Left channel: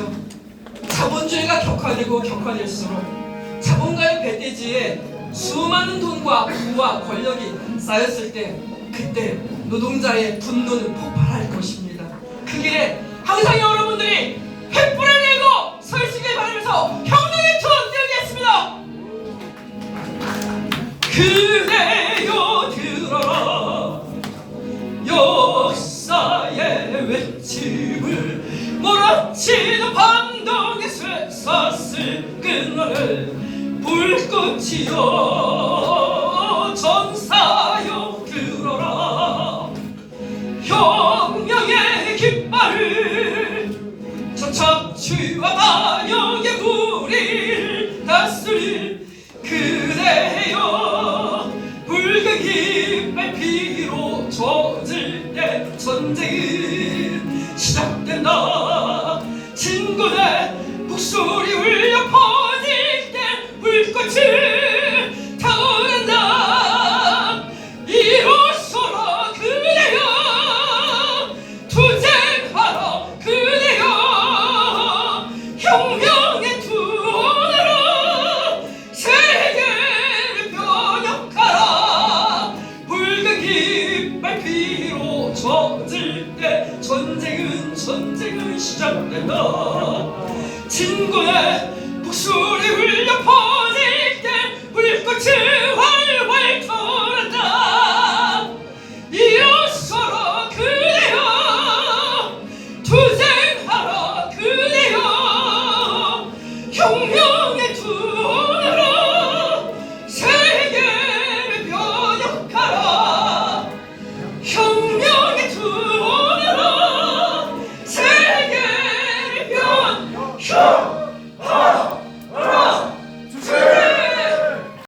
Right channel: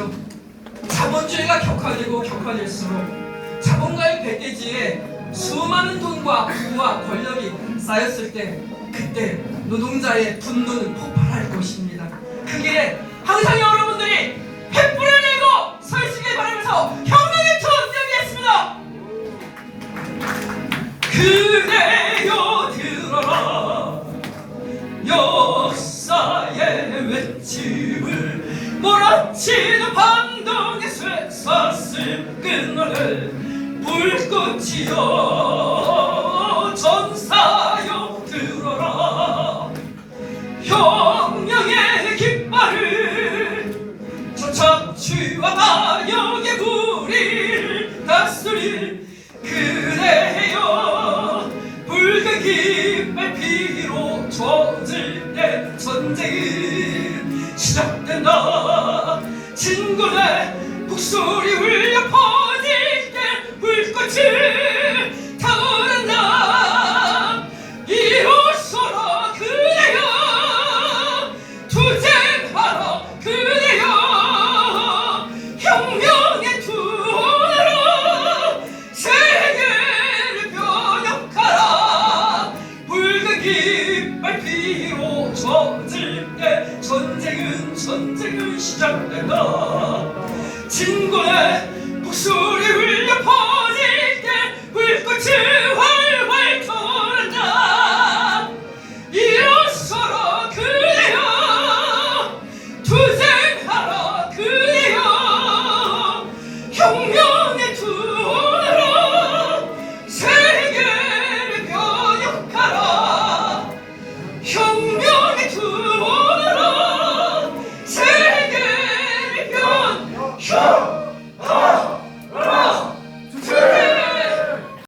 말이죠. 자본주의가 격화되고 격화될수록 자본가의 배대지에 수많은 돈과 부와 권력이 쌓였을 때 그때 노동자의 분노는 폭발할 것입니다. 그 길에 항상 여러분들이 횃불을 내고 서시길 바라면서 혁명의 투 드리겠습니다. 그 외침을 몰아치는 반동의 쇠사슬 끈을 불꽃이여 전사여 들어라. 혁명의 깃발을 저 척추와 반역 젖을 때 전쟁은 시작된다. 친구의 목소리 울려 퍼질 때 불꽃을 타오른다. 이로서라 그대여 투쟁하라 그대여 혁명의 투어로 세계를 변혁하라 깃 발 피로 젖을 때 전쟁은 전쟁은 시작된다